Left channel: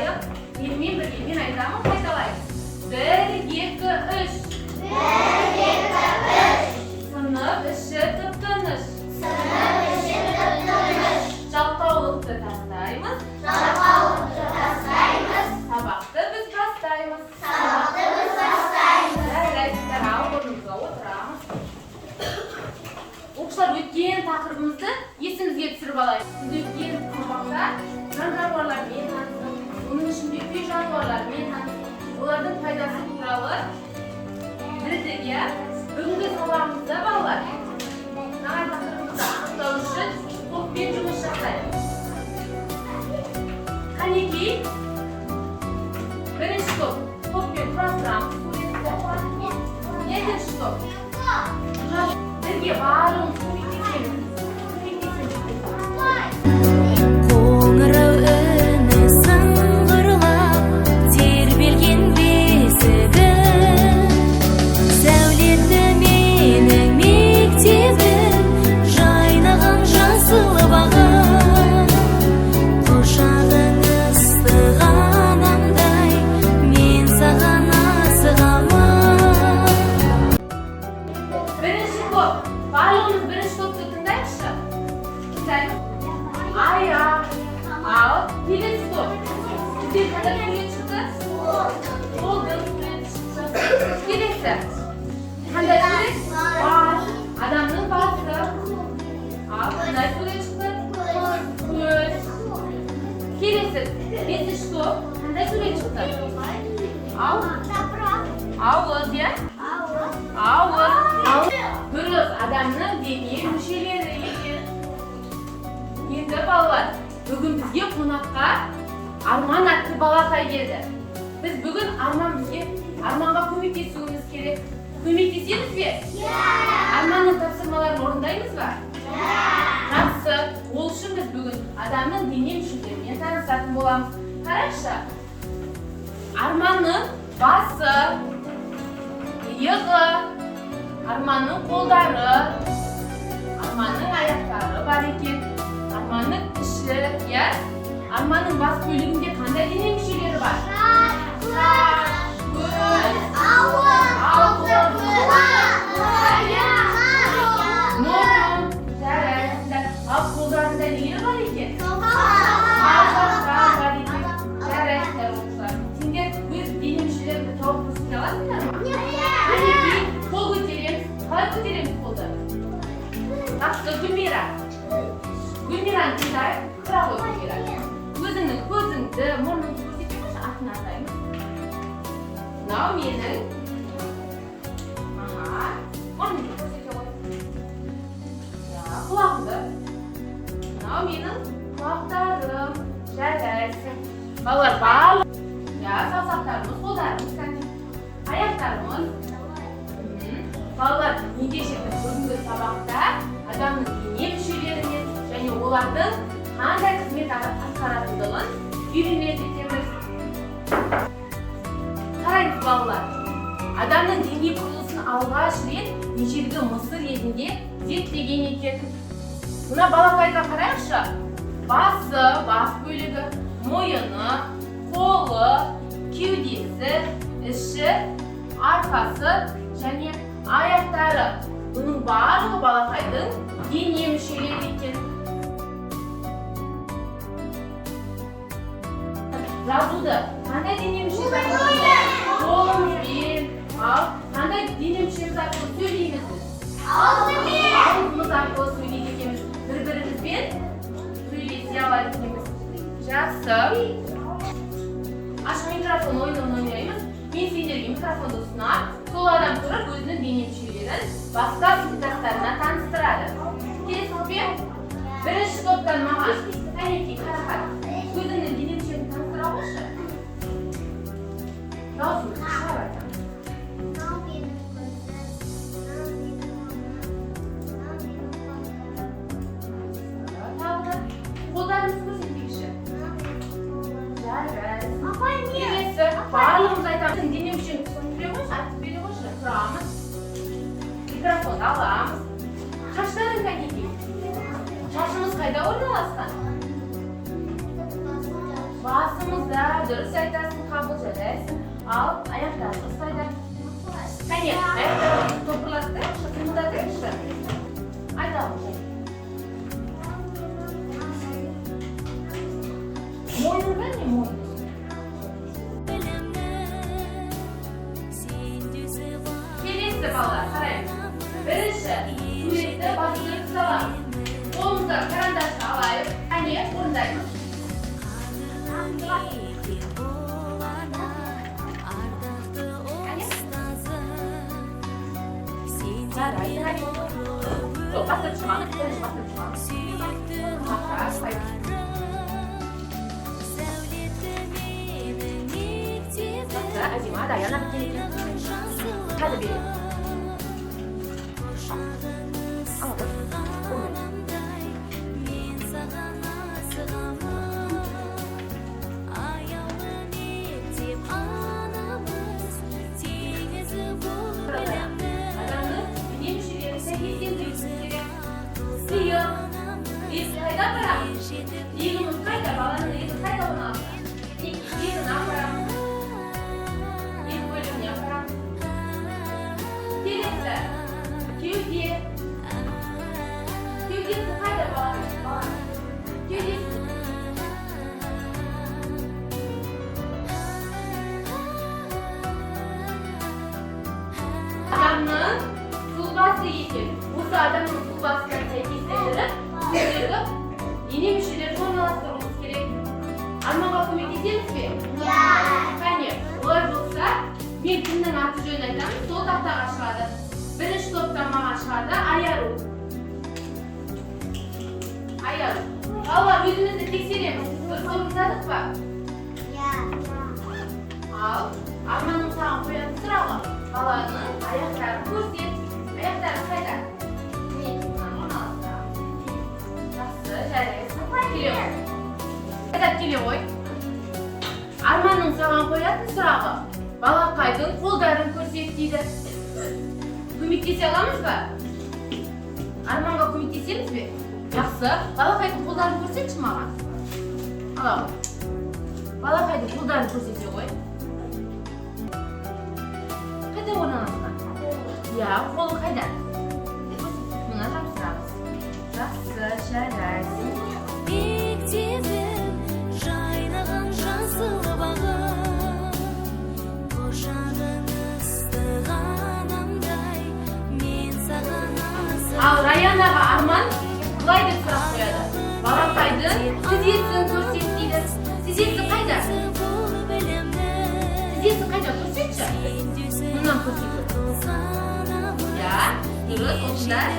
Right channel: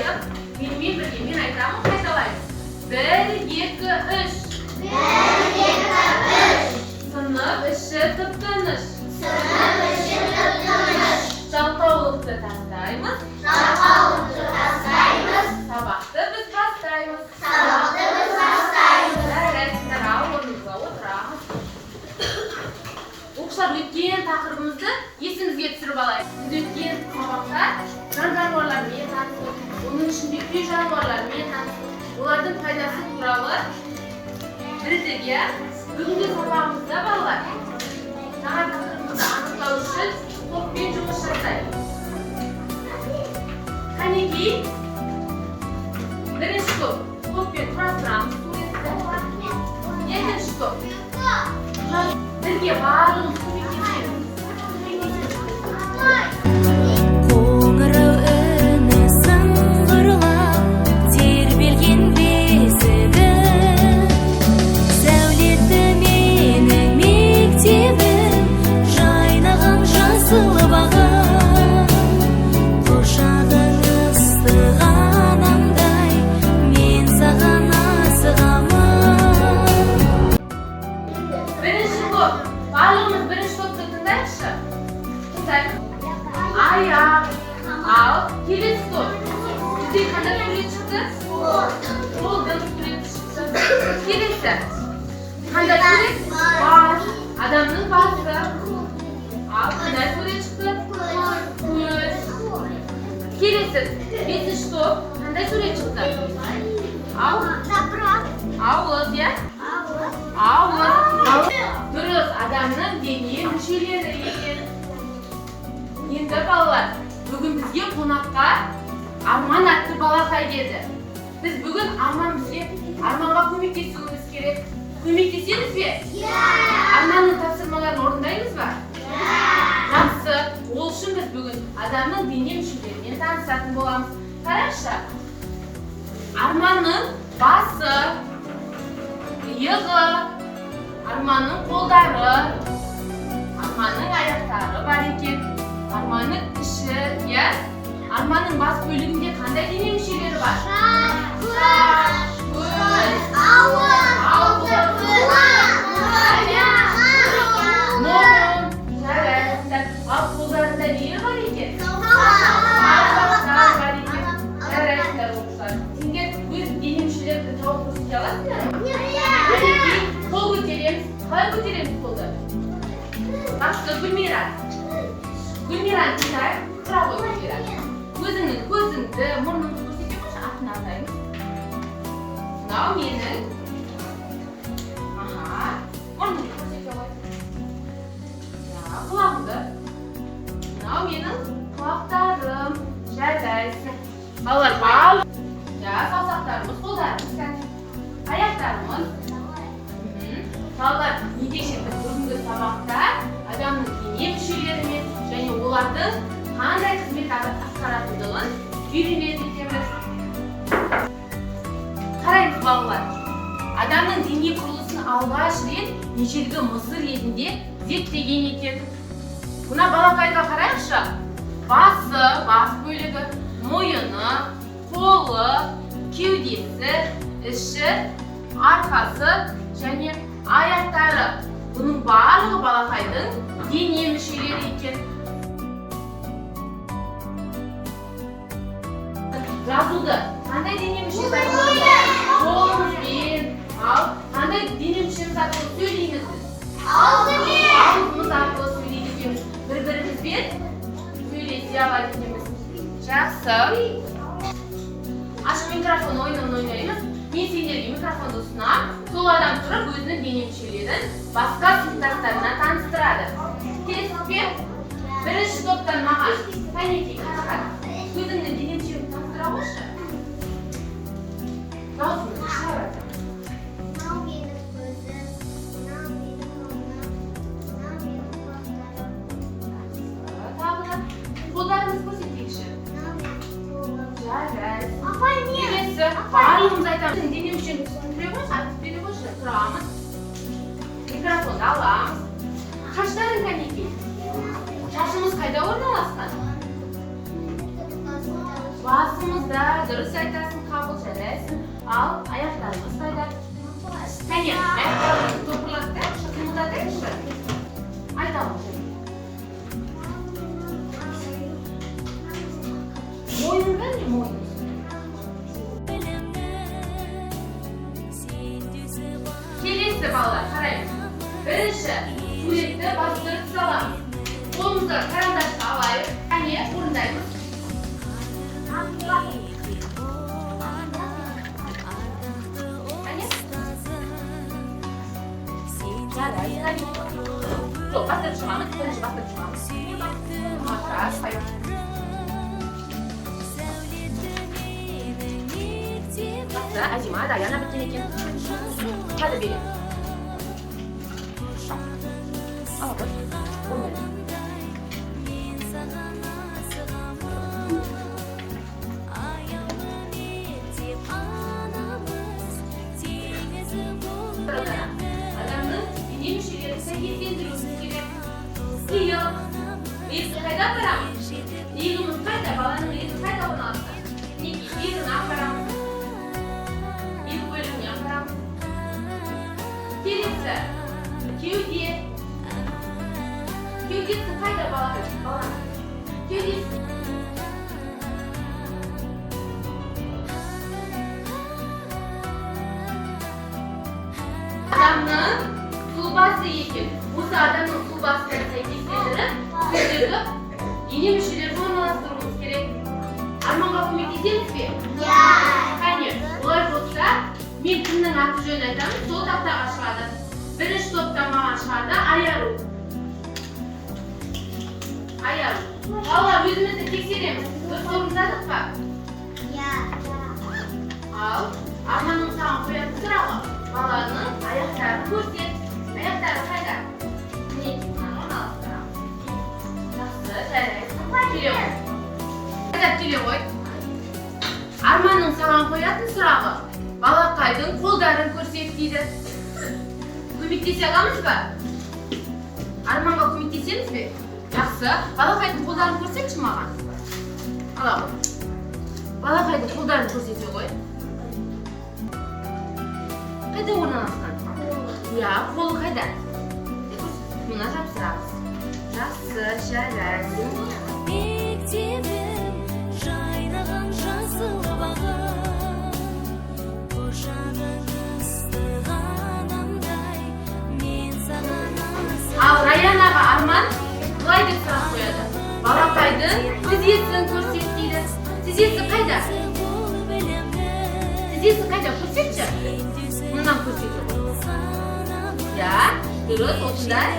айтайық. Менімен бірге мен айтамын, қайталаймыз. 1, 2, 3. 1, 2, 3. Сынып іші тып-тыныш. Сынып іші тып-тыныш. Жалқаулықты тастаймыз. Жалқаулықты тастаймыз. Сабақты біз бастаймыз. Сабақты біз бастаймыз. Жарайсыздар, орнымызға отырамыз. Оқушылар, өткен тақырыбымызды есіңізге түсіріп алайық. Біз өткен сабақта жан жануарлармен таныстық, оның ішінде үй жануарлармен таныстық, олардың пайдасы туралы білдік, иә? Бүгінгі сабағымызда балалар саған тақырыбымызды анықтау үшін топпен жұмыс жасаймыз. Қанекей, бірінші топпен құрастырамыз суретті. Екінші топ. Бірге барлығын көмектесеміз. Қоңырау үні сыңғырлап, тербелген бесігі. Сәулетті менің мектебім, жайнаған жасыл бағым. Құшағың ыстық анамдай, мен саған асығамын. Бірінші топ. Барлығымыз бірінші топты тыңдайықшы. Тыңдайық. Аяқ. Ал, келесі топ. Бізде қандай сурет шықты? Қолдың суреті шықты. Келесі. Қандай сурет? Бас. Адамның басы. Ал, қандай сурет шықты? Көз. Келесі. Бесінші топ. Қандай сурет шықты? Ауыз, иә? Ауыз. Дұрыс, адамның дене мүшелері екен. Енді балалар, бүгін бізге қонаққа Арман атты балақай келді. Біз бүгін Арманға көмектесуіміз керек. Көмектесеміз бе? Арманның тапсырмаларын орындаймыз ба? Жақсы. Ол үшін біз бүгін адамның дене мүшелерімен танысатын боламыз. Қарашы. Арманның басы, иығы, Арманның қолдары, Арманның аяқтары бар екен. Арманның іші, иә? Арманның бас бөлігінде қандай дене мүшелері бар? Шаш, көз, ауыз, аяқ, мұрын. Жарайсыздар. Ал қолдарында нелер бар екен? Саусақтар бар екен. Жарайсыздар оқушылар. Сендер өз дене мүшелеріңді тауып көрсете аласыңдар ма? Қанекей, қол көтереміз. Қалай көтереміз қолды? Жақсы, Гүлмира. Гүлмираны тыңдайық. Тұра ғой, Гүлмира. Көзіңді, мұрныңды көрсетеміз, атын атаймыз. Мынау менің. Мұрныңды көрсете ғой. Құлағымды. Мынау менің құлақтарым. Жарайсың. Балалар, балық. Саусақтарымыз, қолдарымыз, аяқтарымыз. Балалар, неге шекті бүгінгі сабақта адамның дене мүшелерімен және олардың қандай қызмет атқаратындығын үйренетеміз. Қараңыз балалар, адамның дене құрылысын алғаш рет ежелгі Мысыр елінде зерттеген екен. Мына балақайға қарайықшы. Басы, бас бөлігі, мойыны, қолы, кеудесі, іші, арқасы және аяқтары. Бұның барлығы балақайдың дене мүшелері екен. Жазуды қандай дене мүшесі арқылы? Қолымызбен. Ал қандай дене мүшесі арқылы сөйлейміз? Ауызымыз арқылы сөйлейді екенбіз. Бір-бірімізбен сөйлесе алады екенбіз. Жақсы. Ашық микрофон ойнаймыз. Мен сендерге микрофонды ұсынам. Сол адам тұрып өзінің дене мүшелерін басқа сыныптастарына таныстырады. Келесіз бе? Бірінші топтан маған Қанекей, қара. Өзіңнің дене мүшелерін таныстыра қойшы. Даусыңды шығарады. Қолдарыңыз көрсетейікші. Жарайсың. Келесі, барлығымыз айтамыз. Дене мүшелерін түсіндіре қойшы, айтып бере қойшы. Тұрамыз. Микрофонды аламыз. Шаштарың Қанекей. Шашымыз қайда орналасқан? Басымызда, дұрыс айтасың, қабыл жарайсың. Ал аяқтарыңыз қайда? Кәне, аяқтарыңызды топырлатты, қимылдатыңызшы. Айтамыз. Мойның қане, мойның? Келесі балалар, қараймыз. Бірінші, суретті бастырып саламыз. Қолымызды карандашты алайық. Кәне, орындаймыз. Жоқ, бастырып шығамыз. Бірінші бастырып шығамыз. Әдемі, Даяна біткен екен. Қады берем. Ала қой. Адамның дене мүшелері сәйкестендіру керек. Иық. Иық қайда апарамыз? Иығымыз қайда? Баланың иығы қайда орналасқан? Иығын апарамыз. Иық бөлігіне апарамыз. Келесі. Кеуде. Кеудесі қайда баланың? Кеудесі. Адамның сұлбасы екен. Осы адамның сұлбасына сәйкестендіріп, сөздегі дене мүшелерін орналастыруымыз керек. Арманға көмектесеміз бе? Кәне, олар болса, мен кімнің аты жөнін айтамын, сол тақтаға шығады. Бірінші топтан маған шығады Айару. Айару. Балалар, өзімізді тексереміз. Дұрыс орындадық па? Ал, Арманның саған қоятын сұрағы. Баланың аяқтарын көрсет. Аяқтары қайда? Мінекеймен орналастырамыз. Жақсы, жарайсың. Келе ғой. Қайдап келе ғой. Арманның саған қоятын сұрағы. Балақайдың қолдарын көрсет дейді. Көмектесе аламыз ба? Арманға көмектесеміз бе? Жақсы. Балақайдың қолдарын көрсетші маған. Ала ғой. Балақайдың қолдарын көрсете ғой. Қайда орналасқан? Я, қолы қайда? Мына жапсырамыз. Жақсы, жарайсың. Мектебім жайнаған жасыл бағым, құшағың ыстық анамдай, мен саған асығамын. Ал Раянаға Арман былай деп сұрақ қояды. Балақайдың тізесін көрсет дейді. Тізесі қайда? Тізесі қайда? Көрсетші. Мұнан көрсетеді. Я, дұрыс, осындай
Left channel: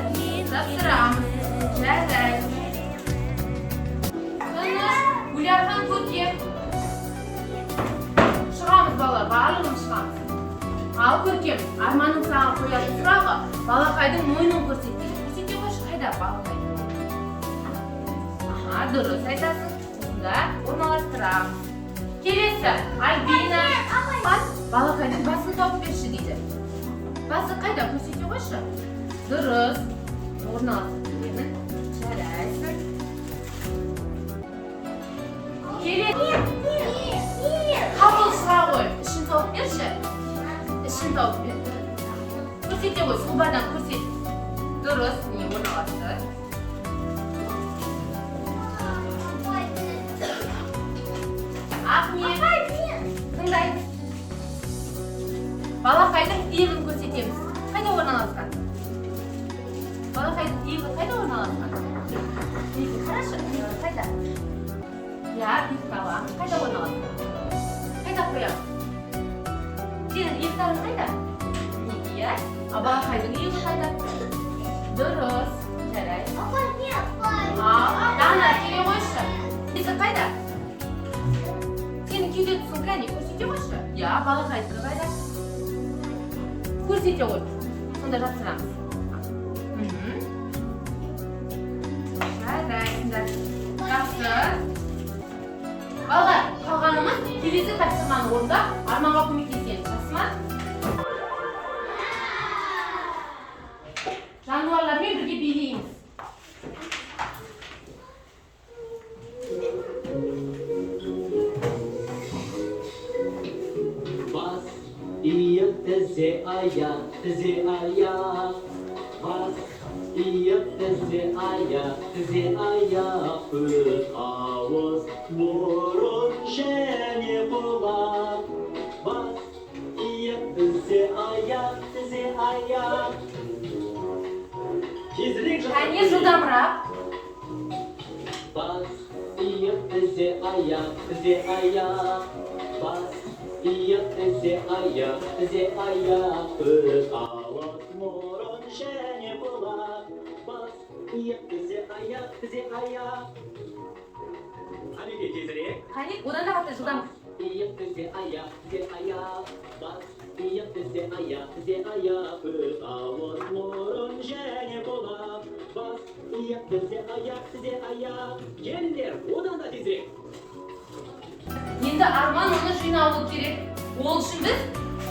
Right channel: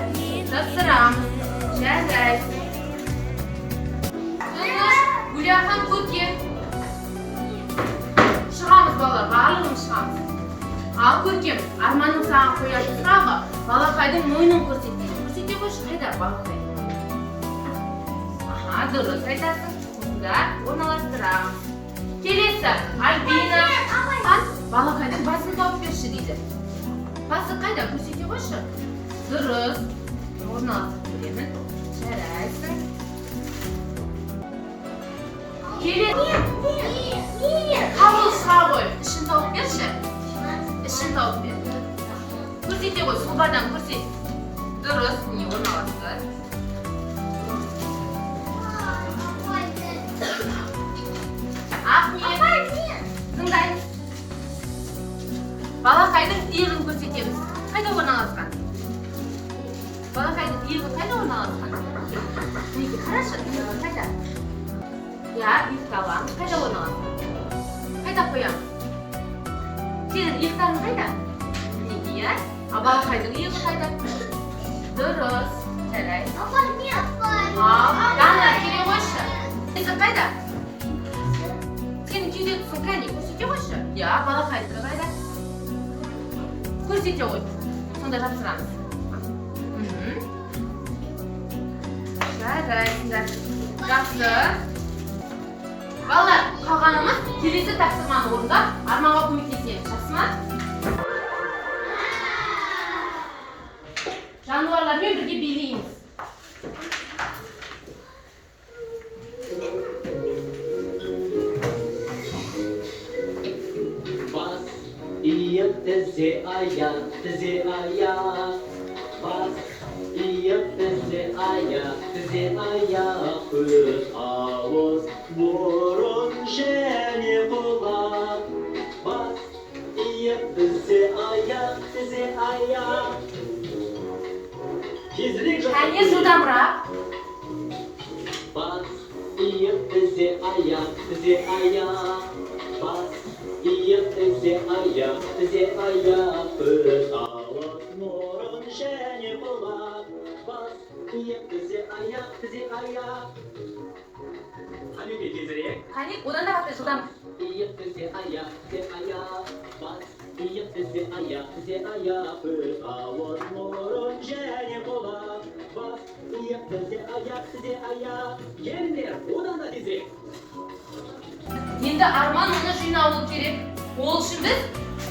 жапсырамыз. Жарайсың. Гүлахан көке. Шығамыз балалар, барлығын шығамыз. Ал көркем, Арманның саған қоятын сұрағы, балақайдың мойнын көрсетеді. Көрсете қойшы, қайда балақай? Дұрыс айтасың. Осында орналастырамыз. Келесі, Альбина. Балақайдың басын тауып берші дейді. Басы қайда? Көрсете қойшы. Дұрыс. Орналастырып беремін. Жарайсың. Келесі. Қабыл шыға ғой. Ішін тауып берші. Ішін тауып бер. Көрсете ғой. Сұлбадан көрсет. Дұрыс. Не орналастыр. Тыңдаймыз. Балақайдың иығын көрсетеміз. Қайда орналасқан? Балақайдың иығы қайда орналасқан? Неге қарашы, иығы қайда? Я, иықты аламыз. Қайда орналасқан? Қайда қоямыз? Сенің иықтарың қайда? Неге я? А балақайдың иығы қайда? Дұрыс. Жарайсың. Ал, Дана, келе қойшы. Иығы қайда? Сенің кеуде тұсың кәне, көрсете қойшы. Я, балақайдың қайда? Көрсете ғой. Сонда жапсырамыз. Жарайсыңдар. Жақсы. Балалар, қалғанымыз келесі тапсырманы орындап, Арманға көмектесеміз. Жақсы ма? Жануарлармен бірге билейміз. тізе аяқ, тізе аяқ. Бас иіп тізе аяқ, тізе аяқ. Көз, ауыз, мұрын және құлақ. Бас иіп тізе аяқ, тізе аяқ. Тезірек Әне жылдамырақ. Бас иіп тізе аяқ, тізе аяқ. Бас иіп тізе аяқ, тізе аяқ. Көз, ауыз, мұрын және құлақ. Бас иіп тізе аяқ, тізе аяқ. Қанеке тезірек. Қане, одан да қатты жылдам. Иіп тізе аяқ, тізе аяқ. Бас иіп тізе аяқ, тізе аяқ. Көз, ауыз, мұрын және құлақ. Бас иіп тізе аяқ, тізе аяқ. Келіңдер, одан да тезірек. Енді Арман оны жинауы керек. Ол үшін біз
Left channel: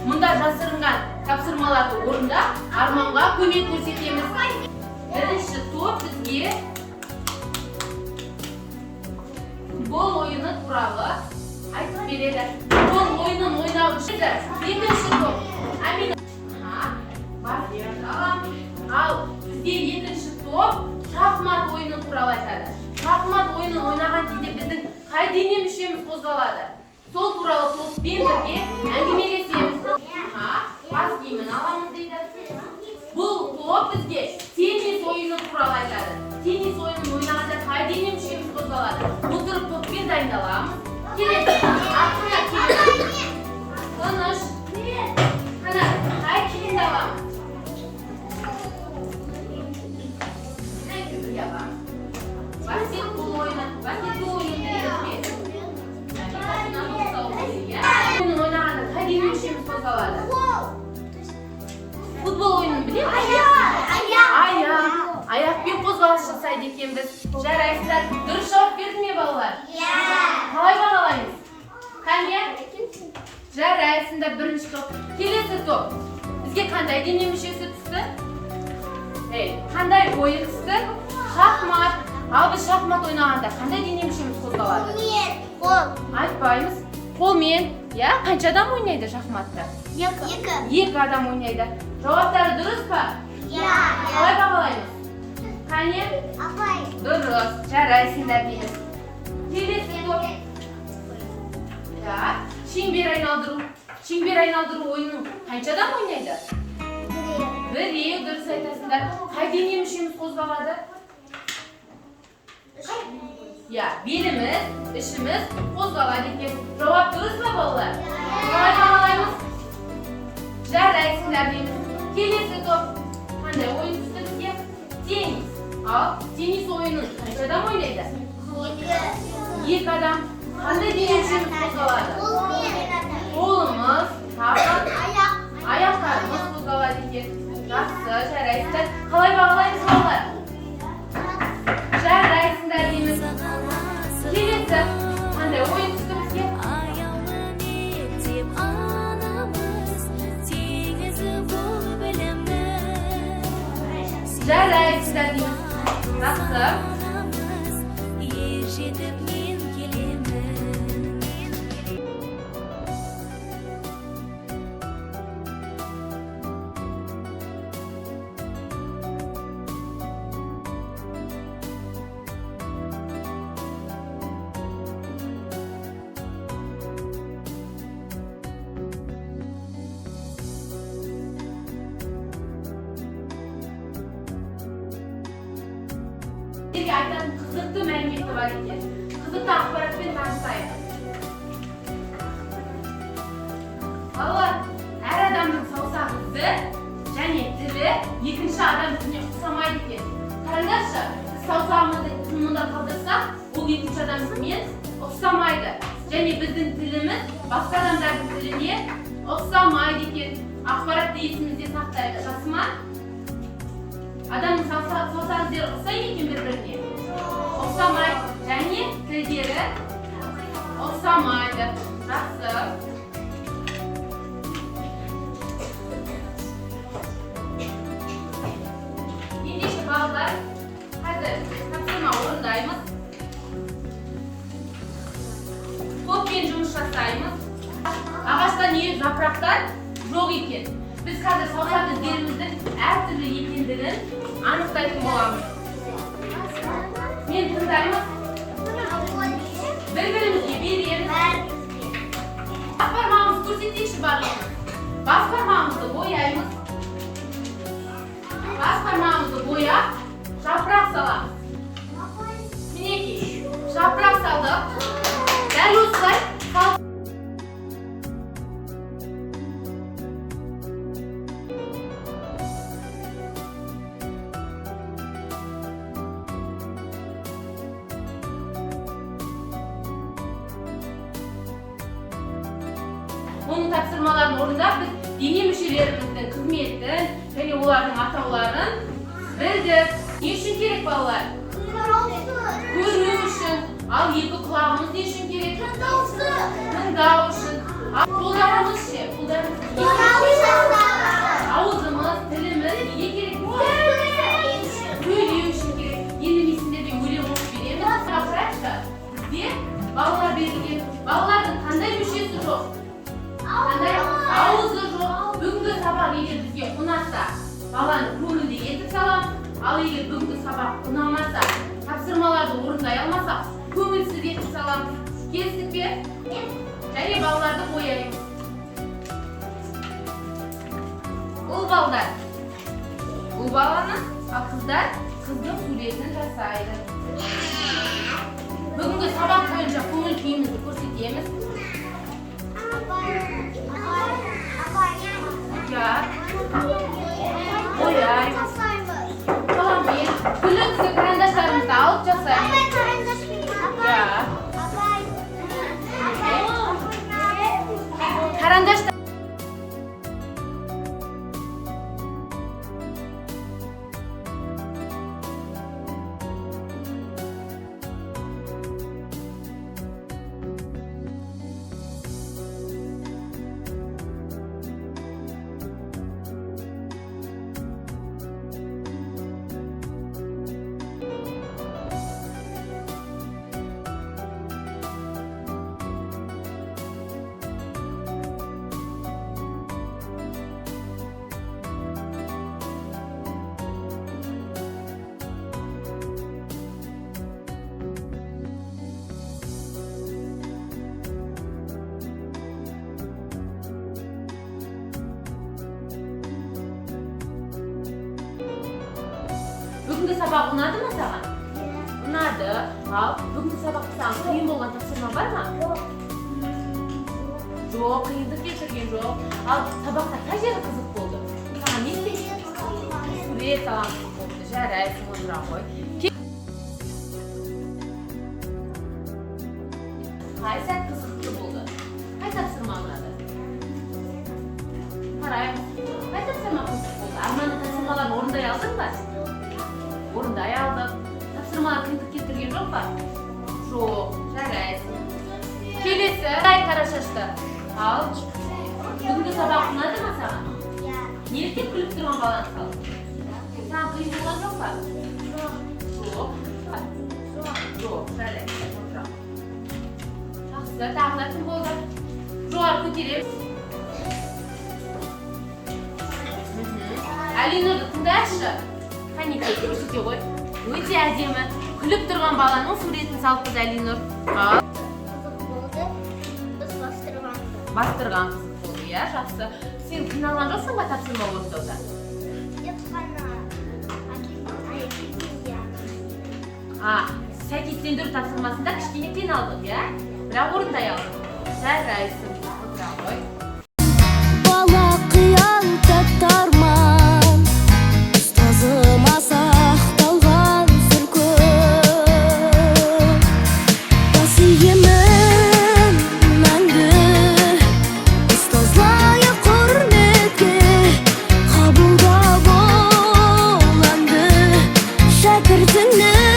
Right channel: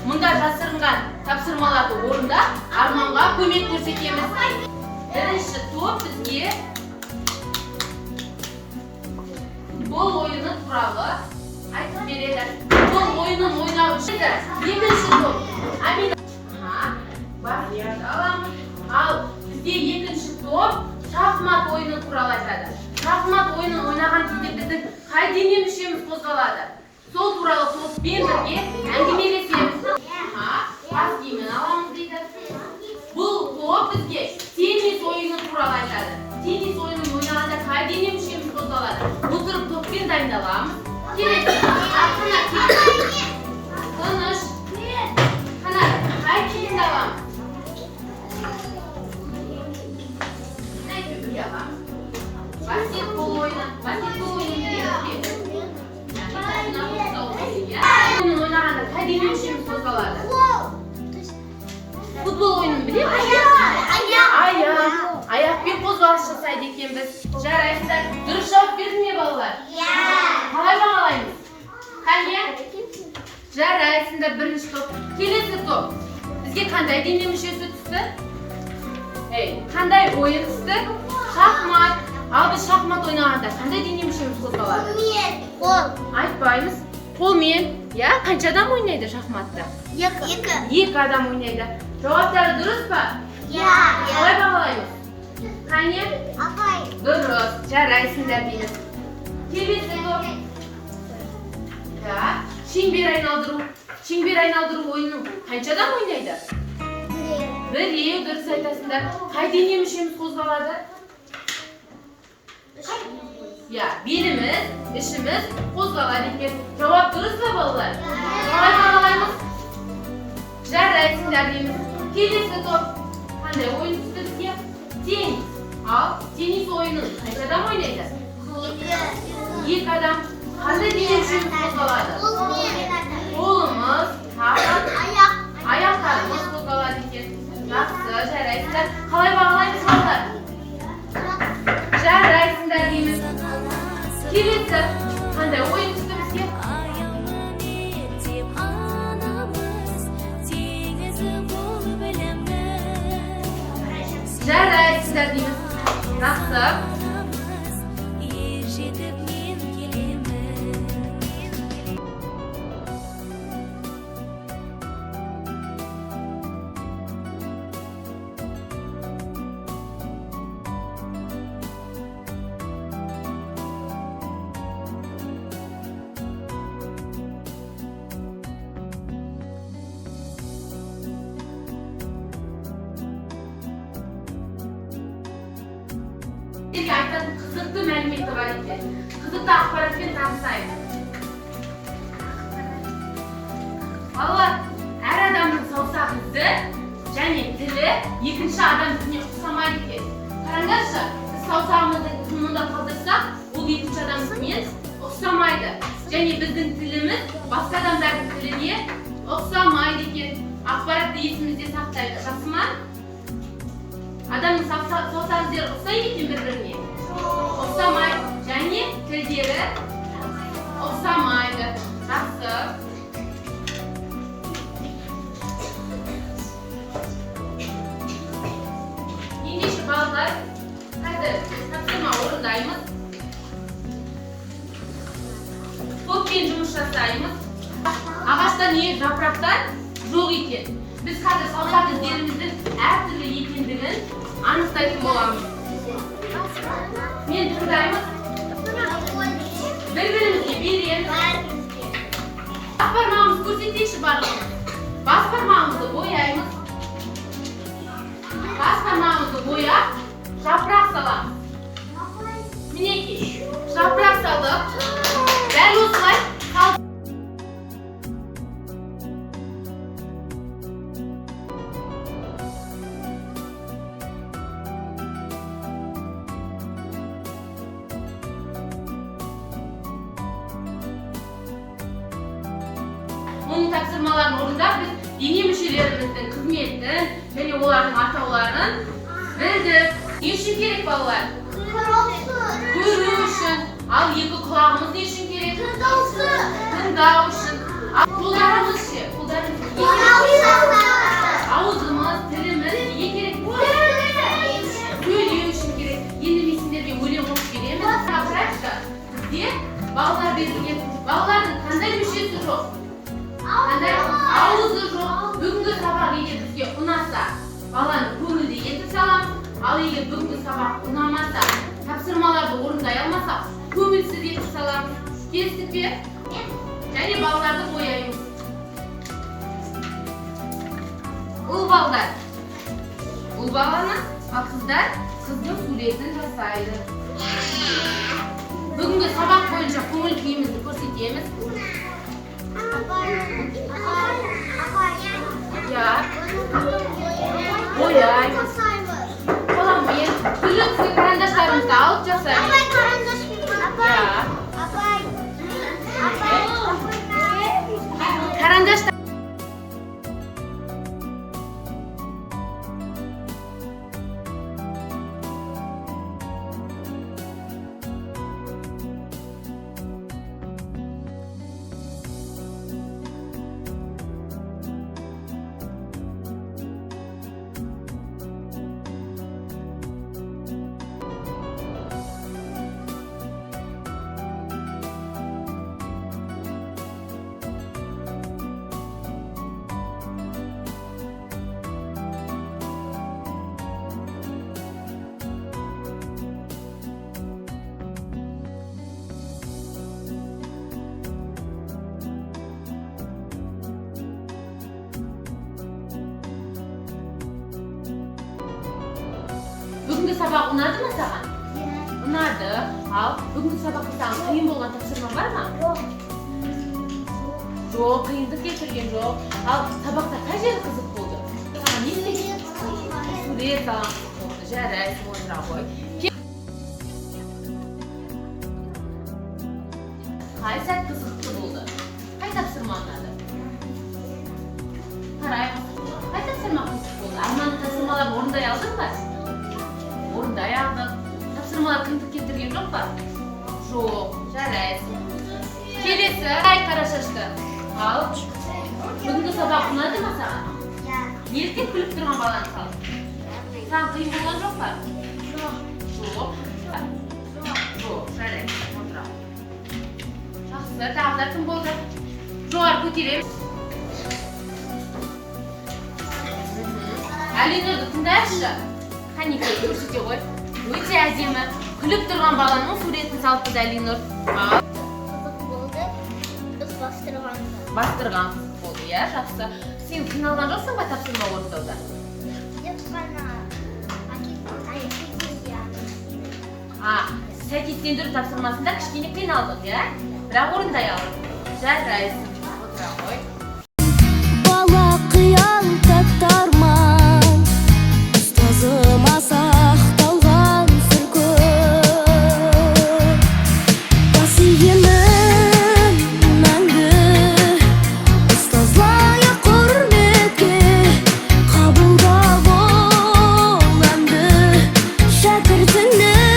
мұнда жасырынған тапсырмаларды орында Арманға көмек көрсетеміз. Бірінші топ бізге футбол ойыны туралы айтып береді. Футбол ойынын ойнау үшін екінші топ. Бар жерді аламыз. Ал бізде екінші топ шахмат ойыны туралы айтады. Шахмат ойынын ойнаған кезде біздің қай дене мүшеміз қозғалады? Сол туралы топпен бірге әңгімелесеміз. Бас киімін аламыз дейді. Бұл топ бізге теннис ойыны туралы айтады. Теннис ойынын ойнағанда қай дене мүшеміз қозғалады? Отырып топпен дайындаламыз. Келесі, артына келесі. Тыныш. Қана, қай киімді аламыз? Бірге аламыз. Баскетбол ойыны. Баскетбол ойынын білеміз бе? Ойнағанда қай дене мүшеміз қозғалады? Футбол ойынын білеміз бе? Аяқпен қозғалыс жасайды екенбіз. Жарайсыздар. Дұрыс жауап берді ме балалар? Қалай бағалаймыз? Қане? Жарайсыңдар, бірінші топ. Келесі топ. Бізге қандай дене мүшесі түсті? Қандай ойын түсті? Шахмат. Ал біз шахмат ойнағанда қандай дене мүшеміз қозғалады? Қол. Айтпаймыз. Қолмен. Қанша адам ойнайды шахматта? Екі адам ойнайды. Жауаптары дұрыс па? Қалай бағалаймыз? Қане? Дұрыс. Жарайсыңдар дейміз. Келесі топ. Шеңбер айналдыру. Шеңбер айналдыру ойынын қанша адам ойнайды? Біреу, дұрыс айтасыңдар. Қай дене мүшеміз қозғалады? Беліміз, ішіміз қозғалады екен. Жауап дұрыс па балалар? Қалай бағалаймыз? Жарайсыңдар дейміз. Келесі топ. Қандай ойын түсті бізге? Теннис. Ал теннис ойынын қанша адам ойнайды? Екі адам. Қандай дене мүшеміз қозғалады? Қолымыз, аяқтарымыз қозғалады екен. Жақсы, жарайсыңдар. Қалай бағалаймыз балалар? Жарайсыңдар дейміз. Келесі, қандай ойын түсті бізге? Аяулы мектеп анамыз, теңізі бол білімнің. Жарайсыңдар дейміз. Жақсы. Ер жетіп мен келемін. Сіздерге айтатын қызықты мәліметі бар екен. Қызықты ақпаратпен танысайық. Балалар, әр адамның саусағы және тілі екінші адам тіліне ұқсамайды екен. Қараңдаршы, біз саусағымызды мұнда қалдырсақ, ол екінші адаммен ұқсамайды. Және біздің тіліміз басқа адамдардың тіліне ұқсамайды екен. Ақпаратты есімізде сақтайық. Жақсы ма? Адамның саусағындары ұқсайды екен бір-біріне? Ұқсамайды. Және тілдері ұқсамайды. Жақсы. Ендеше балалар, қазір тапсырма орындаймыз. Топпен жұмыс жасаймыз. Ағашта не жапырақтар жоқ екен. Біз қазір саусақ іздеріміздің әртүрлі екендігін анықтайтын боламыз. Мен тыңдаймыз. Бір-бірімізге береміз. Бас бармағымызды көрсетейінші барлығымыз. Бас бармағымызды бояймыз. Бас бармағымызды бояп, жапырақ саламыз. Мінекей, жапырақ салдық. Дәл осылай қалдық. Оның тапсырмаларын орындап, біз дене мүшелеріміздің қызметін және олардың атауларын білдік. Не үшін керек балалар? Көру үшін. Ал екі құлағымыз не үшін керек? Тыңдау үшін. Ал қолдарымыз ше? Ауызымыз, тіліміз не керек? Сөйлеу үшін керек. Енді мен сендерге өлең оқып беремін. Қараңызшы, бізде балалар берілген. Балалардың қандай мүшесі жоқ? Қандай ауызы жоқ. Бүгінгі сабақ егер бізге ұнаса, баланы көңілді етіп саламыз. Ал егер бүгінгі сабақ ұнамаса, тапсырмаларды орындай алмасақ, көңілсіз етіп саламыз. Келістік пе? Және балаларды бояймыз. Ұл балдар. Ұл баланы, ал қыздар қыздың суретін жасайды. Бүгінгі сабақ бойынша көңіл күйімізді көрсетеміз. Бояймыз. Қаламмен, гүліңізге карандаштарымызды алып жасаймыз. Карандаштар. Бүгінгі сабақ ұнады ма саған? Ұнады. Ал бүгінгі сабақта саған қиын болған тапсырма бар ма? Жоқ, қиындық келтірген жоқ. Ал сабақта қай жері қызық болды? Саған не істейсің? Сурет саламыз. Жарайсың, отыра қой. Қай сәт қызықты болды? Қай тапсырма ұнады? Қараймыз. Қай тапсырма қызық болды? Арманды тапсырмаларын орындай алдың ба? Орындай алдық. Тапсырмалар қиындық келтірген жоқ па? Жоқ, жарайсың. Келесі, қара шашты. Ал, бүгінгі сабақ ұнады ма саған? Неліктен күліп тұрған баланы салып? Саған қиын болған жоқ па? Жоқ. Жоқ, жарайсың. Отыра. Жақсы, тағы кім болды? Жоғары көтереміз. Әлинұрды тыңдайықшы. Қанекей, көрсете ғой. Өте әдемі. Күліп тұрған баланың суретін салып біз Әлинұр. Қызық болды. Біз Бастырған қызық болды, иә, жақсы. Сен қиналған жоқсың ба тапсырма орындауда? Сәйкестендіру тапсырмасында кішкене қиналдық, иә? Бірақ орындай алдық. Жарайсың. Отыра ғой. Бала қиял тәттарман, ұстазыма сақталған сыр көп. Бас иемін мәңгі, ұстаз лайық құрметке, қабылда бол әнді шәкіртіңнің.